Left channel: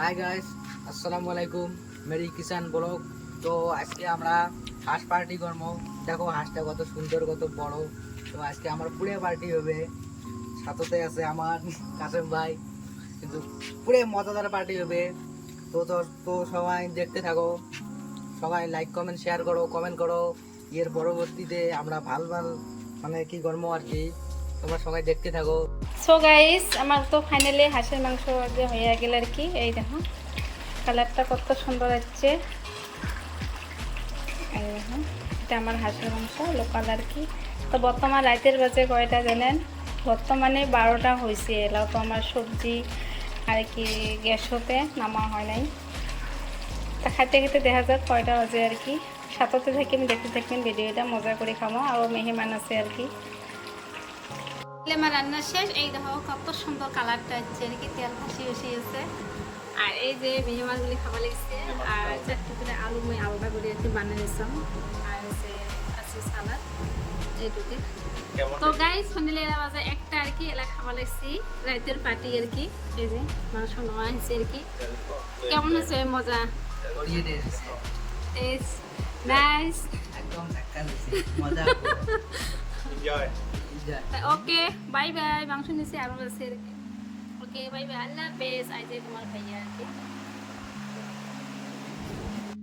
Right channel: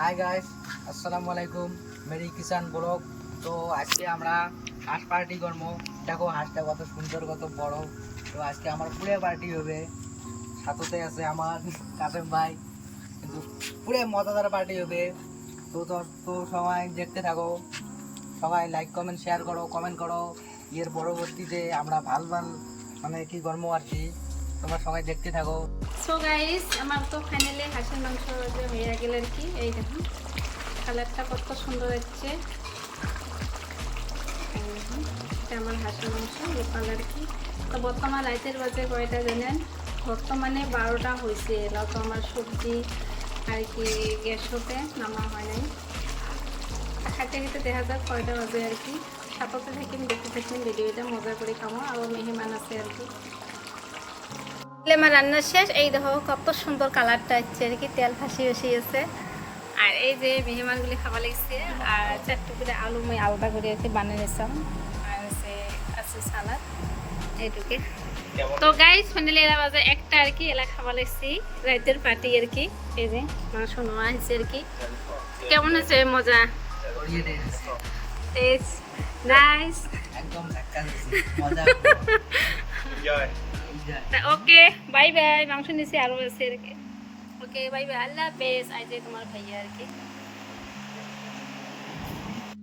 Hi guys, আসসালামু আলাইকুম। Mary কিষান blog. তো আজকে আমরা হাঁস পার্টি করবো। দেখো হাঁসটা কত সুন্দর, কত বড়। তো আজকে আমার পুরে পার্টি হবে। সাথে আছে আমার কাসেম ভাই। কিন্তু পুরে মজাদার পার্টি হবে। তো তো তো সবাই দেখতে থাকো। সবাই লাইক কমেন্ট শেয়ার করো, কমেন্ট করো। এর পরবর্তীতে আমরা ভাল মানে কি করবো আর কি, তোমরা সবাই দেখতে থাকো। সো গাইস, আমার তো ফাইনালি হাঁসের মাংস যে হয়ে গেল আর কি। এই দেখো কালারটা কত সুন্দর হচ্ছে। এই দেখো, এটা আমার হাঁসের মাংস লোকাল আর কি। তো বর্তমান রাতের বাজে কয়টা জানেন? বর্তমানে 12টা হয়েছে। এলাও তো আমার সবজি আর কি গ্যাস হতে নামা হয় নাই। তা খাইতে খেতে দেখা যাক কয়টা বাজে আর কি। সাথে থাকেন, দেখতে থাকেন ভিডিওটা, মজা করে খামো। আরও মেহমান আছে আর কি। আমার রান্না শেষ। এই দেখো কত সুন্দর কালারটা হচ্ছে আর কি, তেল ফাঁসি আছে। আর এই যে মেহমানগুলি খাবার লাগছে। আর চারটে করে আলু আমি আলাদা করে আর কি বানিয়ে নিয়েছিলাম। আর আছে সালাদ এইটুকে। তো গাইস ফাইনালি এরা বাজে একটা আর কি। এলা খাবার লাগছি রাইতের পার্টি আর কি। এই যে মাংস নেওয়া হয়েছে আর কি। কেমন আছে? মজা, টেস্ট নাইস, একদম মজা। Okay bye bye. মাংস নিচে আরো আছে আর কি। ওকে বাই বাই, আল্লাহ হাফেজ। আজ তোমার ভাইয়া আর কি।